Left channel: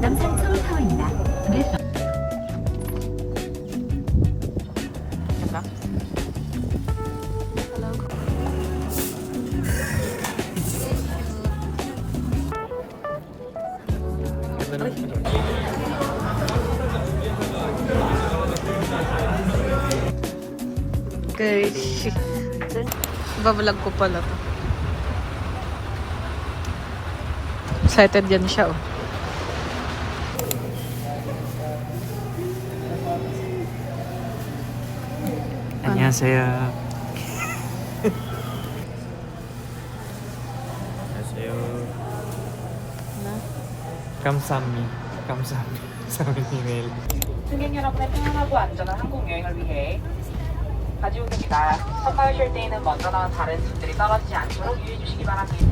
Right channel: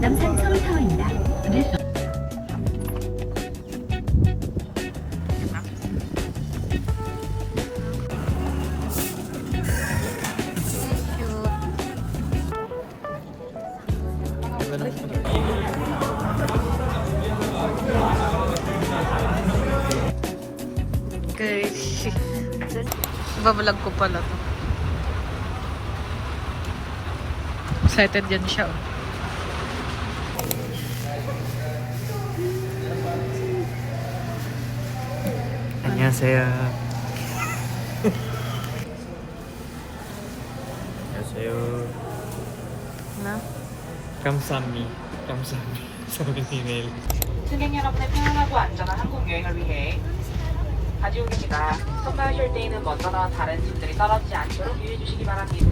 남산천 타워입니다. 네. Guys, ibabalag ko pala to. Excited yan siya, oh. 안녕하세요. 안녕하세요. Na? 감사합니다. 사람이 네. 승객 여러분의 편안하고 안전한 한국 여행을 위해 가지옵니다. 섭파하실 때에는 먼저 나온 다른 짐들이 떨어지지 않도록 유의해 주시기 바랍니다.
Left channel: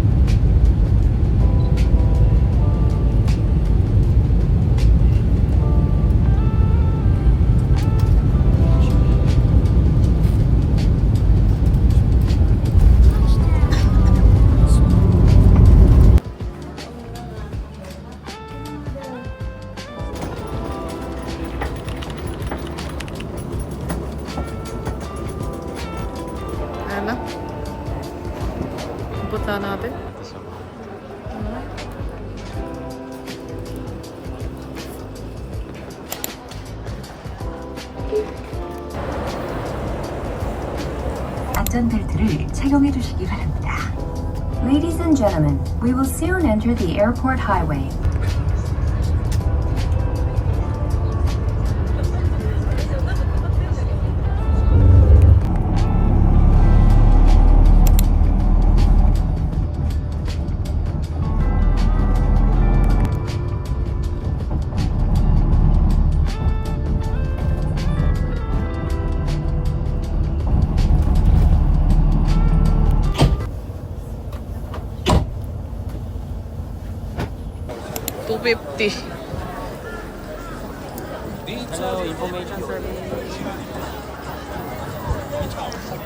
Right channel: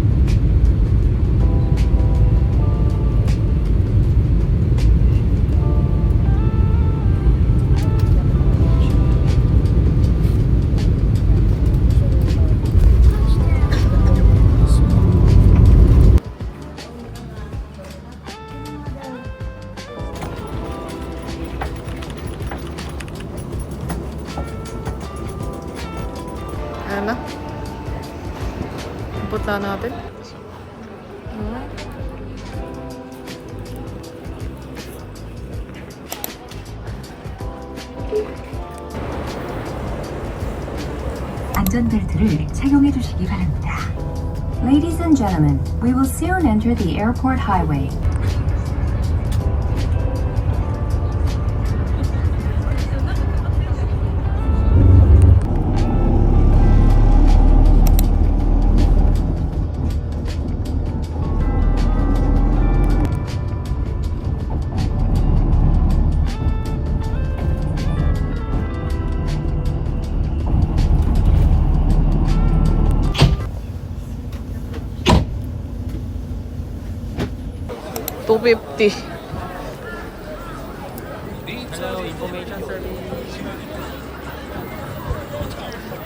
Ayan na. Punta natin. 안전벨트를 착용해 주시기 바랍니다. Ladies and gentlemen, we will soon enter the airport highway. $250.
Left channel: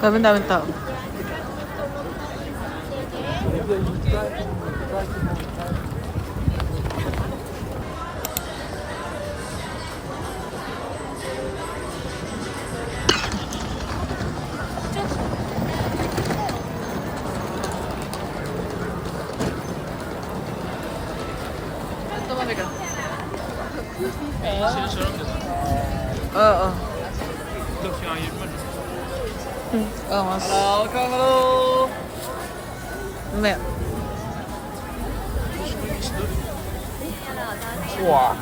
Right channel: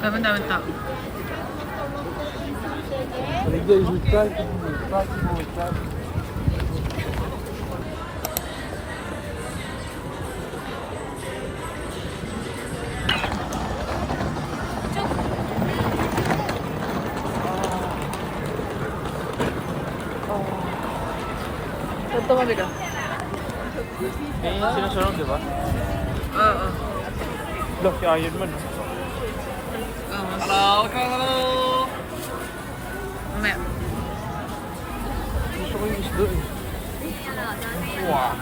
Daming tao. Ito mabigat. Sino sarang diba? Oo. Ito si Iron Man. Mas. Hello, hello. Mamaya. Gusto ko yung isdol. Wow.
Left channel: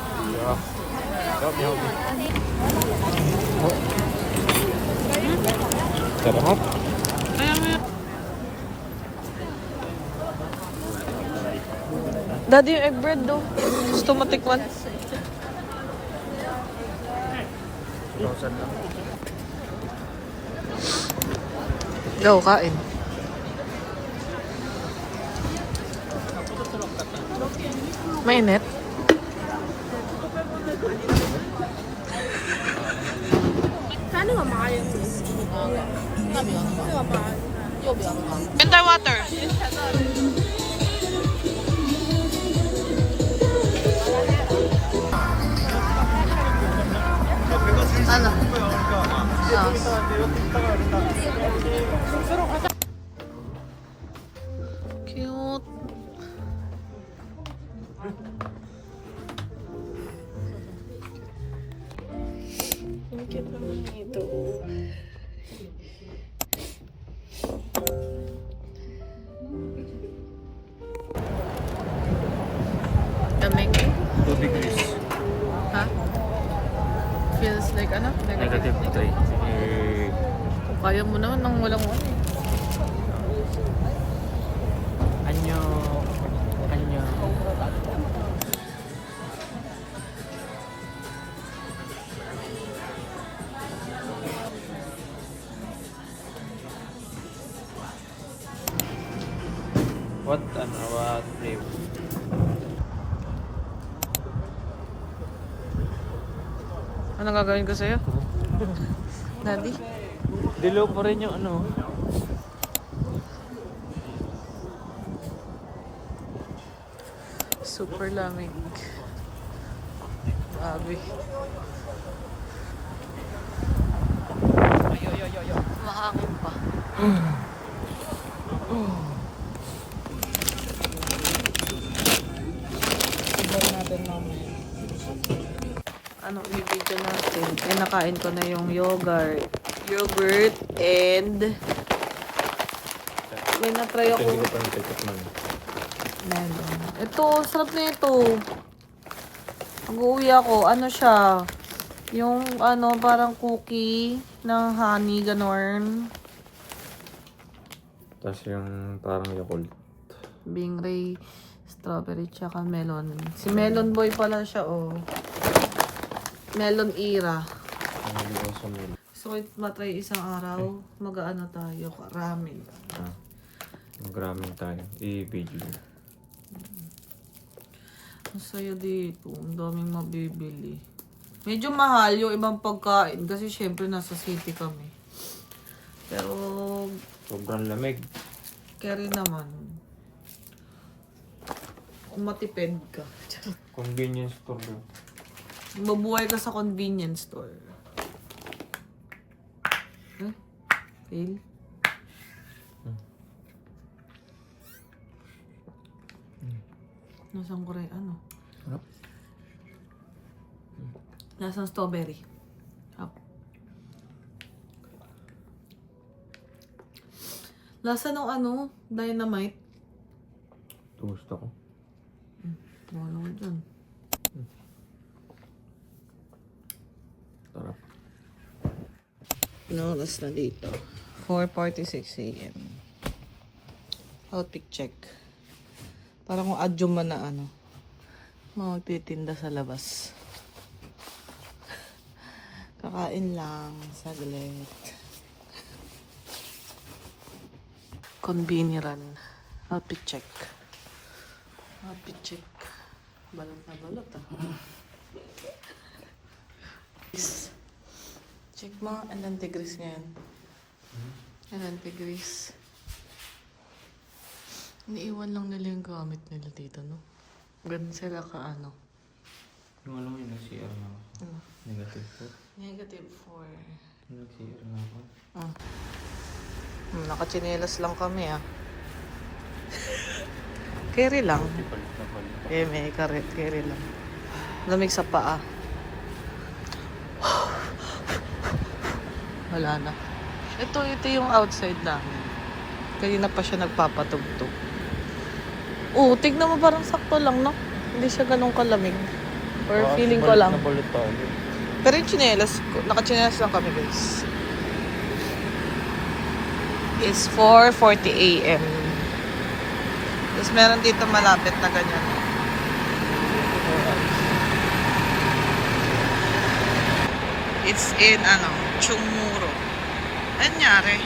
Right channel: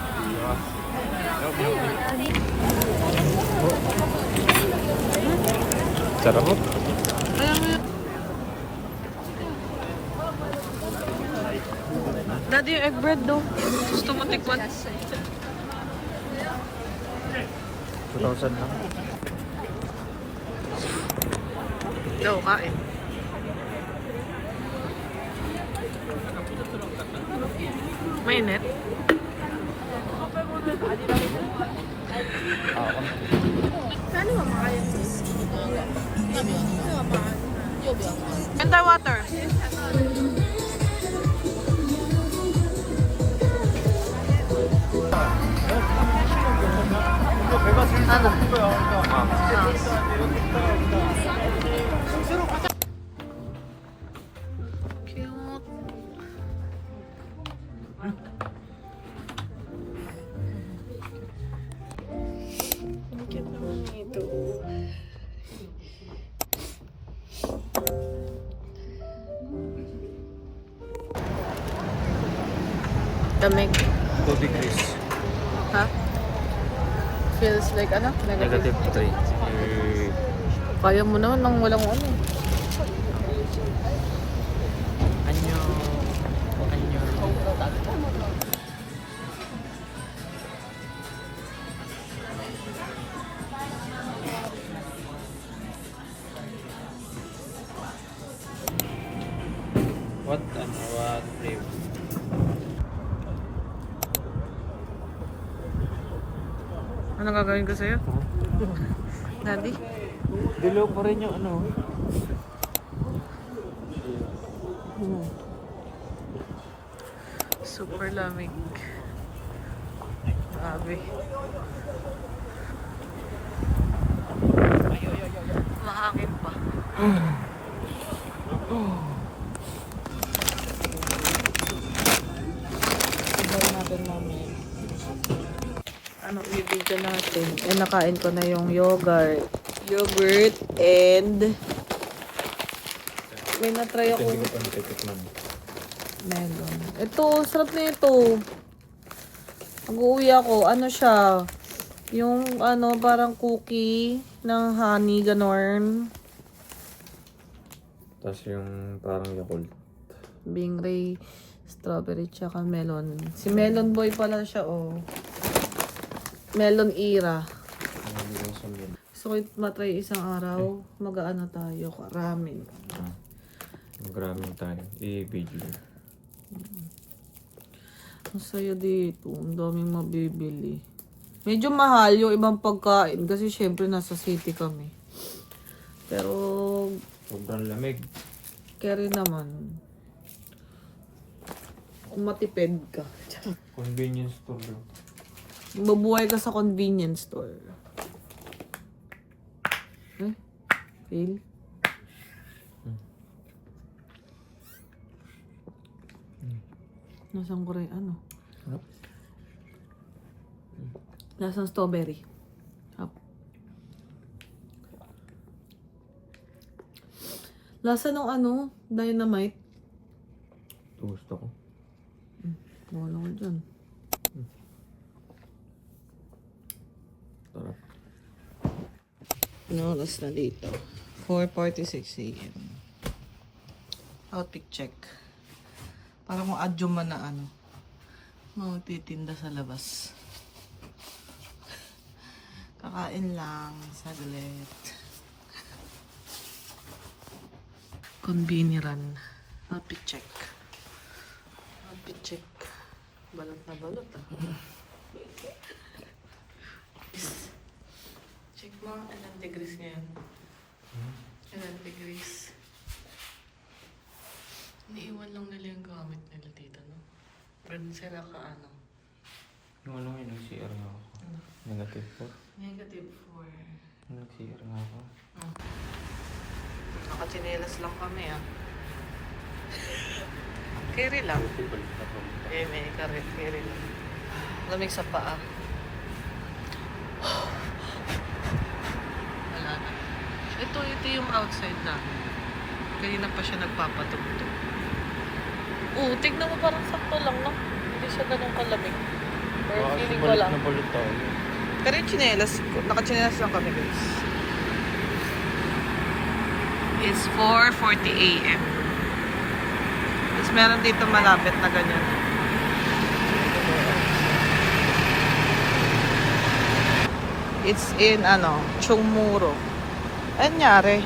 Sarap. Ayan nga. Daddy, yung egg bread do. Gusto mo tikman? Yo, kain. Mainit. Enter water. Ano? Cute. Cute naman ito. Damig. Tubig Chris. Ha? Feels like ano? Negative. Negative 3. Kaya mo naman nang walang ano. Anyo. What flavor? Anong gagawin ko sa'yo? Daddy? Dilo pa rin yung ano. Super lamig. Grabe. Mahangin pa. Ibahin natin namin. Ano i-video natin? Eh, nakain ko na yung yogurt. Yogurt and may na-try ako. Melon. Ito, sarap na ito. Mag-uwi ako. Ano siya? Yung ano, parang cookie ng honey, ganorn. Tapos yung parang Yakult. Bingray, strawberry, tsaka melon. Si Melon Boy pala siya, oh. Melon Era. Gusto ko matry isang araw. Mag-ano tayo, ramen. Maraming tayo. I-video. Ang saya dito. Ang daming mabibili. Medyo mahal yung ibang pagkain kasi syempre nasa city kami. Pero Sobrang lamig. carry naman. Kung matipid ka. Convenience store yun. Mabuhay ka sa convenience store. Eh? Fail? Nasaan ko rin, ano? Nasaan strawberry? Up. Lasa ng ano? Dynamite? Gusto ko. Wala ko dyan. Tara. No, oras na dito. 4:46 a.m. Outfit check. Parang kung adyo man na ano. Magtitinda sa labas. Kakain lang. Saglit. Conveniran. Outfit check. Outfit check. Balot na balot ah. Check mo, anong degrees ngayon? Anong degrees? Iniiwan lang nila yung gamit nila dito, no? Ganun sila ka, ano? Yung alam mo yun, nag-CR nga ako. Ano? Negative 4. Negative 4. Nag-CR nga ako. Nakachinelas lang kami, ah. Carry lang. May karet, carry lang. Lamig sa paa. Wala na. Ito yung outside namin. Kanina pa siya nagpapatugtog. Oo, tignan mo parang sakto lang, no? Hindi siya ganun kalamig. Or feeling ko lang. Pero yung chinelas, nakachinelas lang kami, guys. It's 4:40 a.m. Tapos meron dito malapit na ganyan. It's in, Chungmuro. Anong nangyari?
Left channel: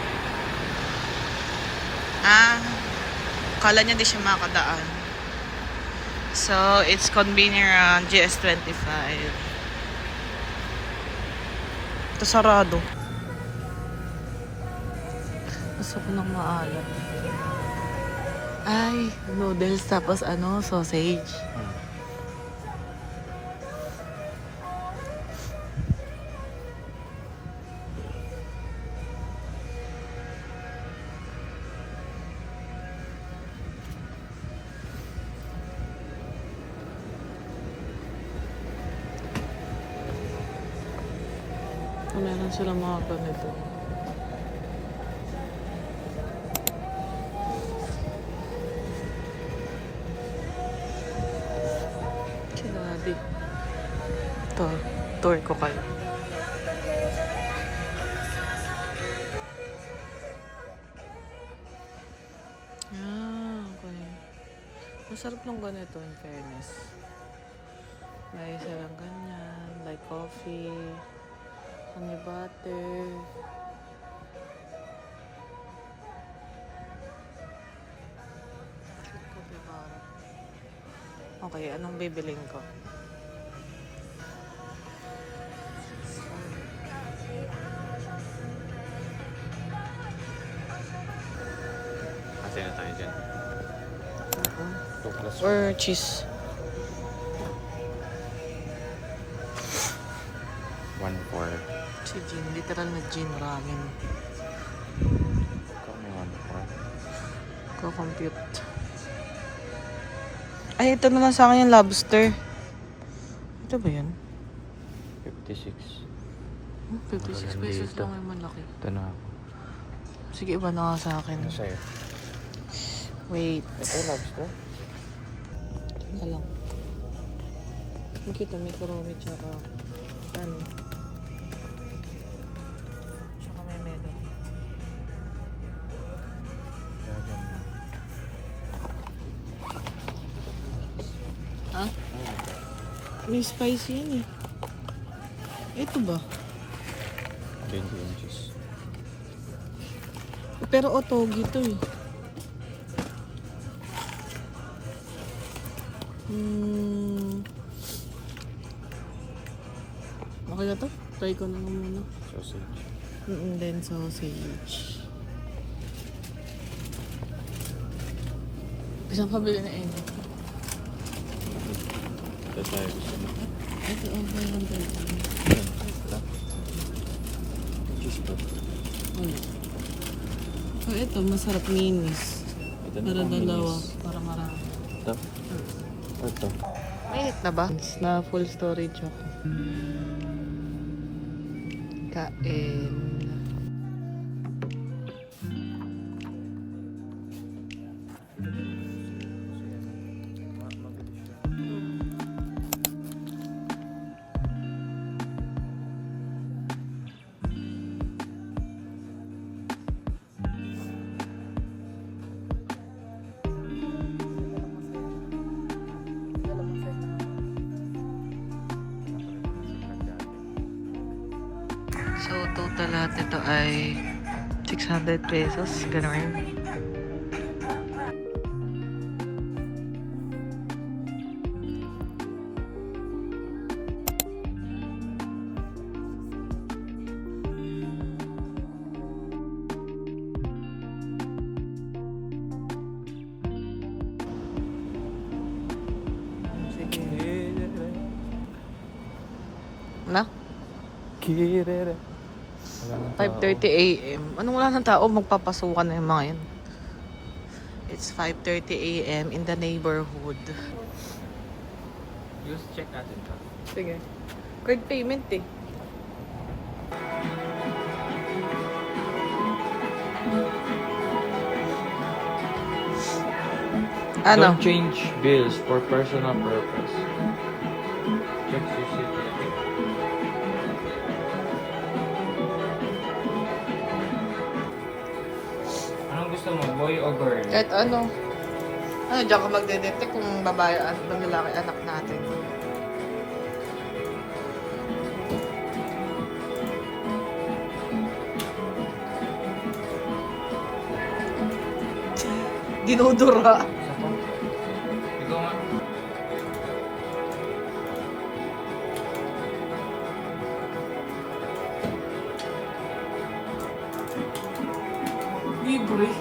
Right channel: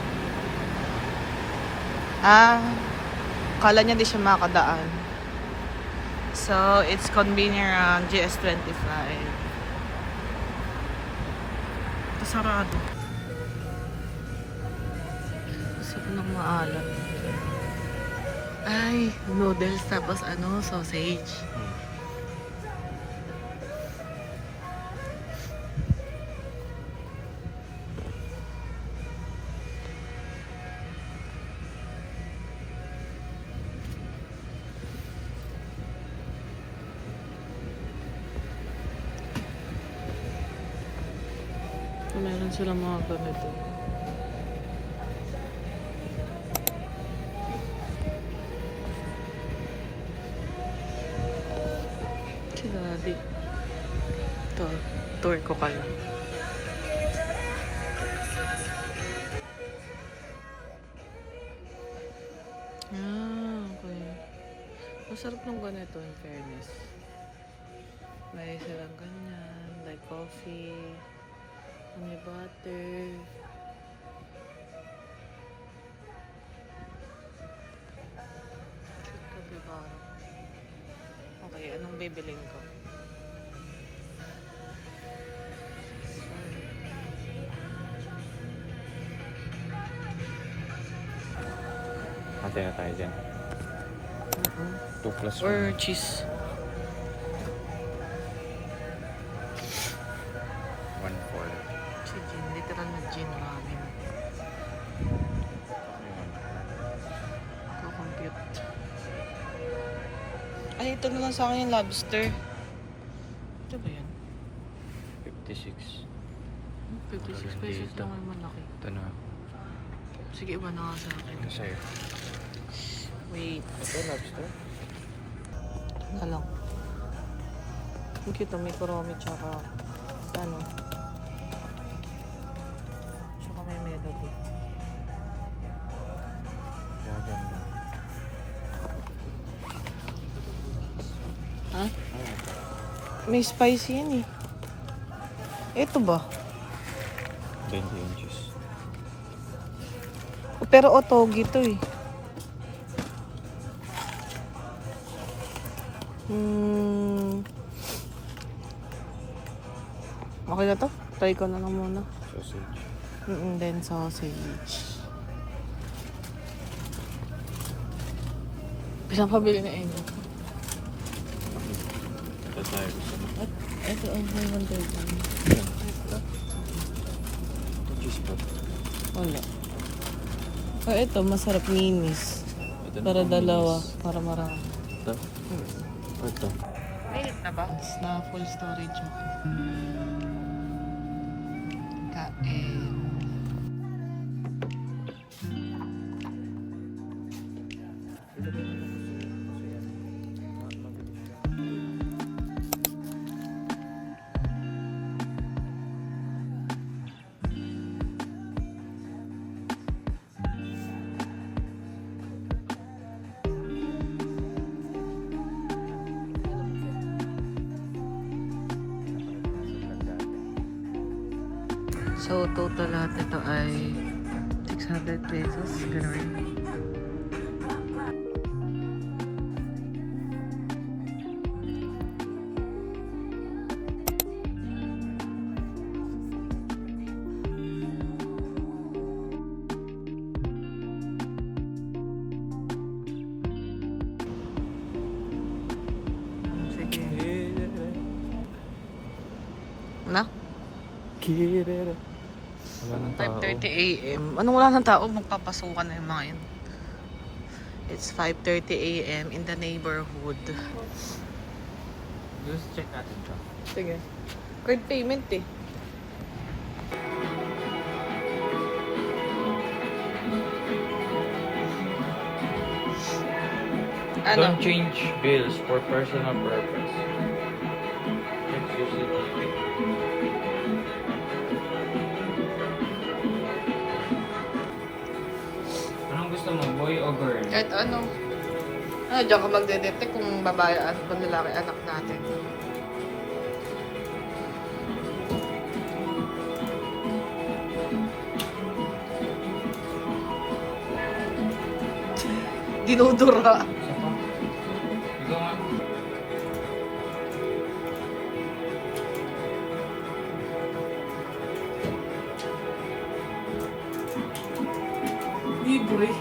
Kala niya di siya makadaan. So, it's convenient around GS25. Ito sarado. Gusto ko ng maalat. Ay, noodles tapos sausage. Meron sila mga ganito. Grabe. Ito, tour ko kayo. Okay. Masarap ng ganito, in fairness. May silang ganyan, like coffee. Honey butter. Bakit kapibara? Okay, anong bibilin ko? Ate na tayo dyan. 2 plus 1. Or cheese. literal na gym ramen. Ko-compute. Ay, ito naman sa akin yung lobster. Ito ba yan? 56. 56 pesos lang yung malaki. Ito na. Sige, iba na nga sa akin. Ano sa'yo? Wait. Ito, lobster? Ito lang. Ang cute, may kuromi tsaka ano. Tsaka may melody. Huh? May spicy yan eh. Ito ba? 20 inches. Pero otogi to eh. Okay na to? Try ko na lang muna. Sausage. Then sausage. Isang pabili na Amy. Ito tayo gusto mo. Ito, ang ganda ito. Ito. Cheese pot. Wala. Ito, masarap minis. Ito Para na dalawa. minis. Para marami. Ito. O ito. Ayot na ba? Na full storage ako. Kain. So, total lahat ito ay 600 pesos. Ganun. Sige. Na? Kirere. Wala nang tao. 5:30 a.m. Anong wala ng tao? Magpapasukan na yung mga yun. It's 5:30 a.m. in the neighborhood. Just check natin ito. Sige. Card payment eh. Ano? Don't change bills for personal purpose. Check CCTV. Anong gusto mo, boy o girl? At ano? Ano, diyan ka magde-detect kung babae o lalaki anak natin. Dinudura. Isa pa? Ikaw nga. Libre.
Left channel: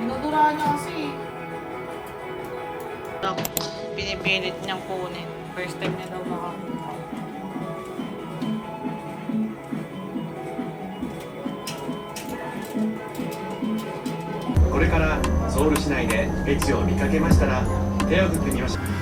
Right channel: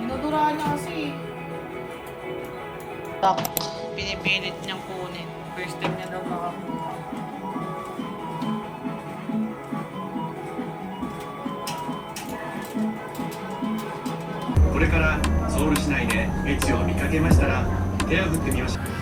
Dinuduraan niya kasi. Pinipilit niyang kunin. First time niya daw makakuha. これからソウル市内で駅を見かけましたら手を振ってみましょう。